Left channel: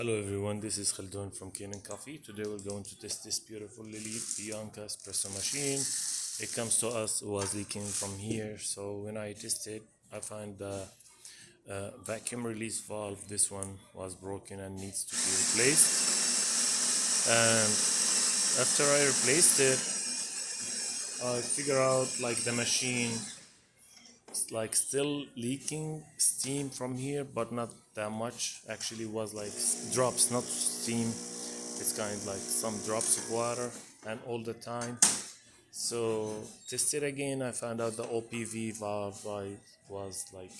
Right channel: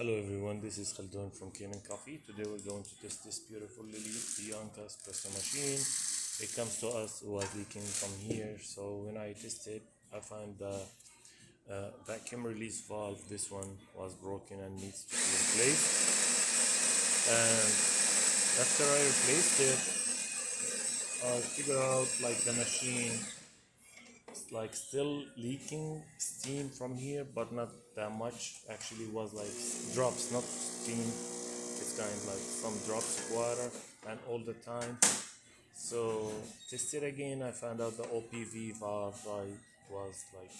Hello everyone, this is Khaldun from Kanen Coffee. Today we're going to test this beautiful Lelit Bianca espresso machine. It comes to us, it was leaking from here. So when I tested, I find the vacuum release valve, this one was broken and needs to be replaced. And after I replaced it, I figure out like the machine like still leaking steam from here, but not that much. Actually was like drops, not steam. It's kind of like some drops of water and all the time. So test it again. I found out the OPV valve was like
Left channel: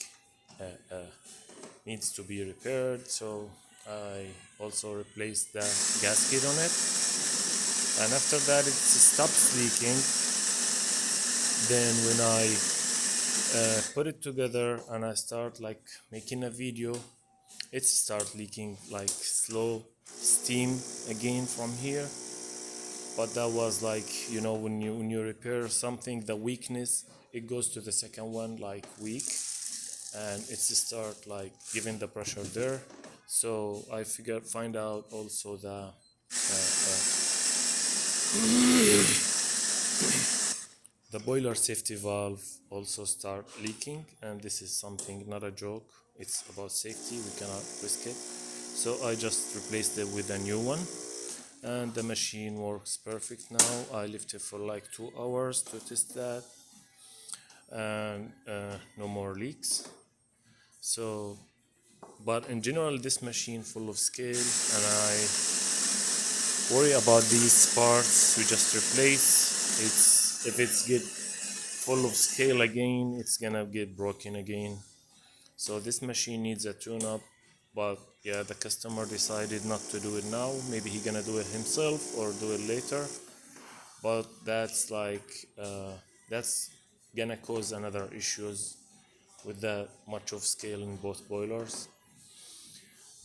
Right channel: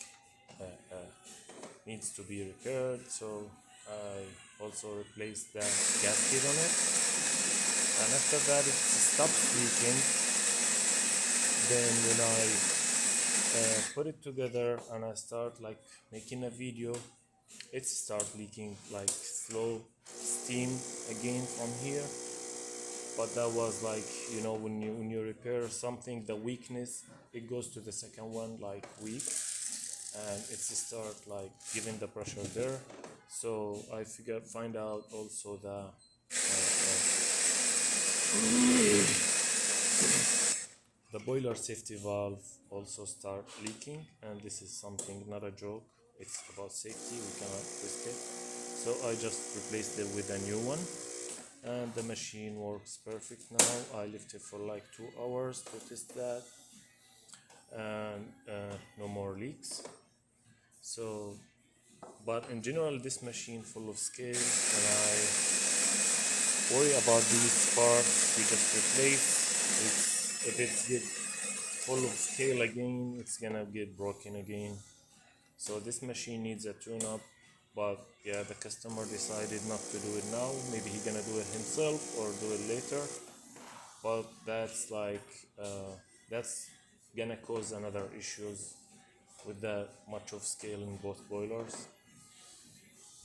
needs to be repaired. So I also replaced the gasket on it, and after that it stops leaking. Then when I put it together and I start like making a video, it start leaking like slow steam again from here. But that was like, you know, when you repair something, the weakness, it goes to the second one like weak, and it's start like giving the pressure there. So I find out also the boiler safety valve also start leaking, and this is something, not a joke. It's about safety, we cannot risk it. So I just replaced it with a new one, and the machine works perfect now. I left it for like 2 hours to test that, and no more leaks. So, but in general, this machine full of scale, and I worry about these parts we just replace. If it's get full of scale again, it's gonna get broken again. So this machine needs a tune-up, but yeah, the customer decided not to do it now. Maybe he gonna do it himself or do it later, but that's like that's gonna cause another issues with the much of scale in both boilers.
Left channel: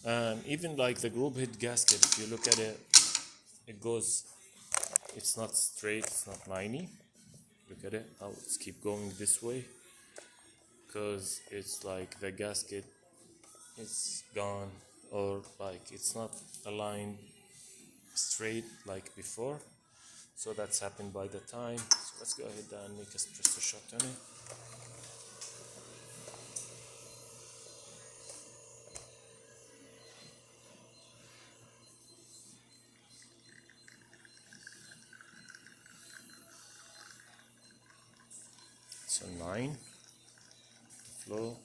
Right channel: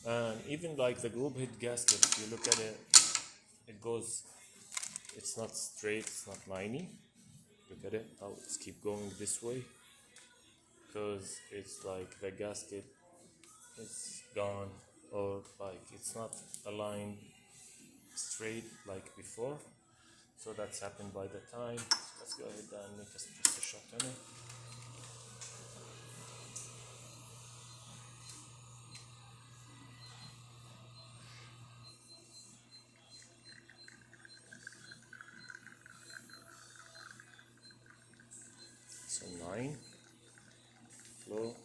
And even like the group head gasket, if you look at it, it goes, it's not straight, it's not liney. Look at it, how it's keep going this way, because it's like the gasket is gone, or like it's not aligned straight like before. So that's happened by the time. So let's go ahead and make a espresso shot on it. So 9 flow.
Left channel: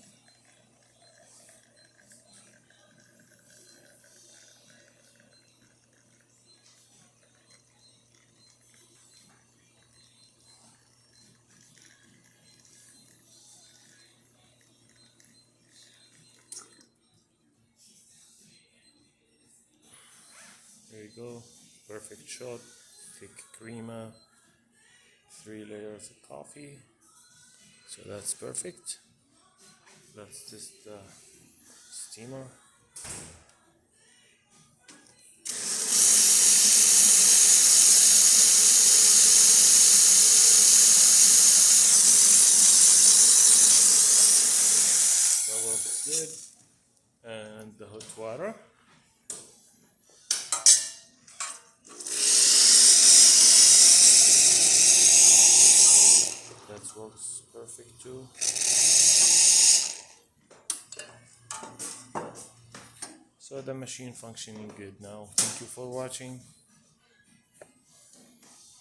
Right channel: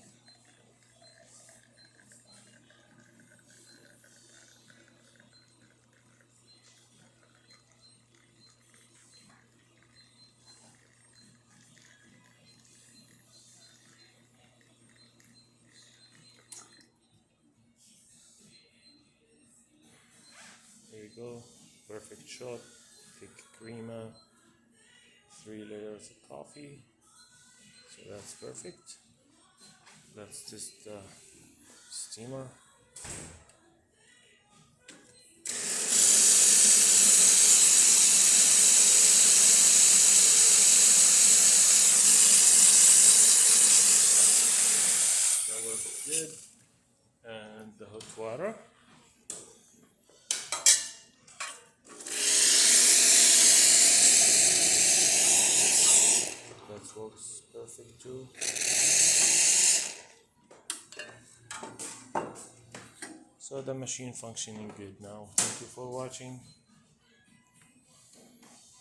There you go, perfect shot. Thick crema, 3 layers of coffee. So that's perfect. That's just the steamer. That works good. And the hot water. That works perfect too. So the machine functioning good now. Thank you for watching.